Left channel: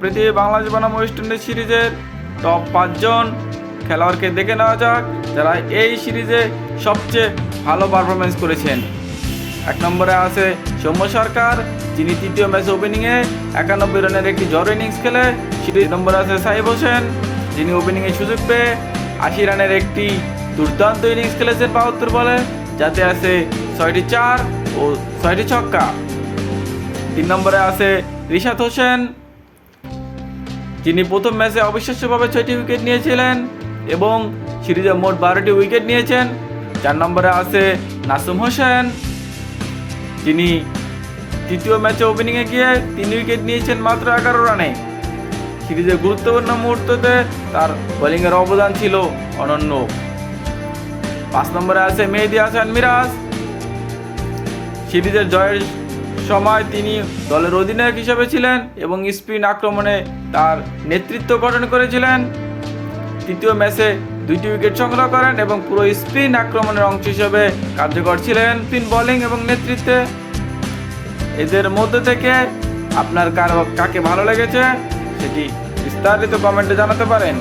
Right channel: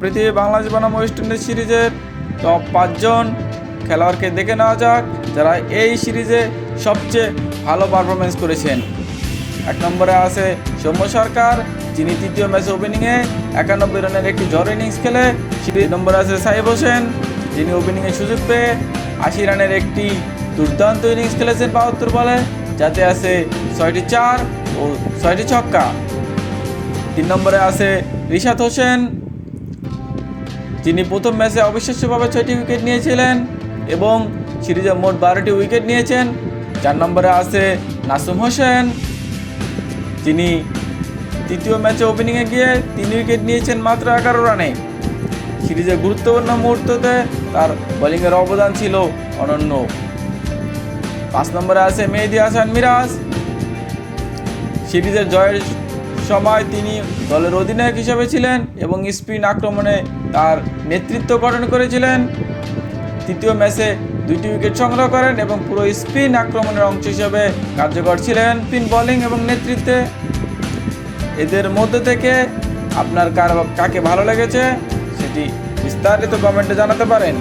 পৃথিবী বাংলাদেশ বনাম West Indies সিরিজের টপ পাঁচজন খেলোয়াড়কে দেখে নেওয়া যাক, যারা এই সিরিজে সবচেয়ে ভালো পারফরমেন্স করেছেন। এক নম্বরে আছে সৌম্য সরকার, যিনি তৃতীয় ম্যাচে ওপেনিংয়ে একানব্বই রানের একটি ঝড় ইনিংস খেলে। দুই নম্বরে আছে সাহেব হোসেন, যিনি ওপেনিংয়ে সুযোগ পেয়ে আশি রানের একটি দুর্দান্ত ইনিংস খেলেছেন বাহাত্তর বলে, যাতে আছে ছয়টি চার ও ছয়টি ছক্কা। তিন নম্বরে আছে রিশাদ হোসেন যিনি প্রথম ম্যাচে অবিশ্বাস্যভাবে ছয়টি উইকেট নিয়েছিলেন এবং সিরিজে মোট বারোটি উইকেট নিয়েছেন। চার নম্বরে আছে নাসুম হোসেন। যিনি তৃতীয় ম্যাচে ওপেনিংয়ে গিয়ে তিন উইকেট নিয়েছেন মাত্র এগারো রানে। সিরিজের গুরুত্বপূর্ণ মুহূর্ততে তার বোলিংয়ের অবদান ছিল অনন্য। পাঁচ নম্বরে আছে মেহেদি হাসান মিরাজ। সিরিজের জয়ের সময় তিনি দলের অধিনায়ক হিসেবে ছিলেন এবং স্পিন আক্রমণে তার নেতৃত্ব গঠন করেছিলেন। তৃতীয় ম্যাচে দুইটি উইকেট সংগ্রহ করেন এবং পুরো স্পিন আক্রমণের অংশ হিসেবে কার্যকর ছিলেন স্পিন বোলিং এবং নেতৃত্বে। এদের মধ্যে থেকে আপনার কার কাকে ভালো লেগেছে সেটি বিস্তারিত কমেন্টে জানাতে পারেন।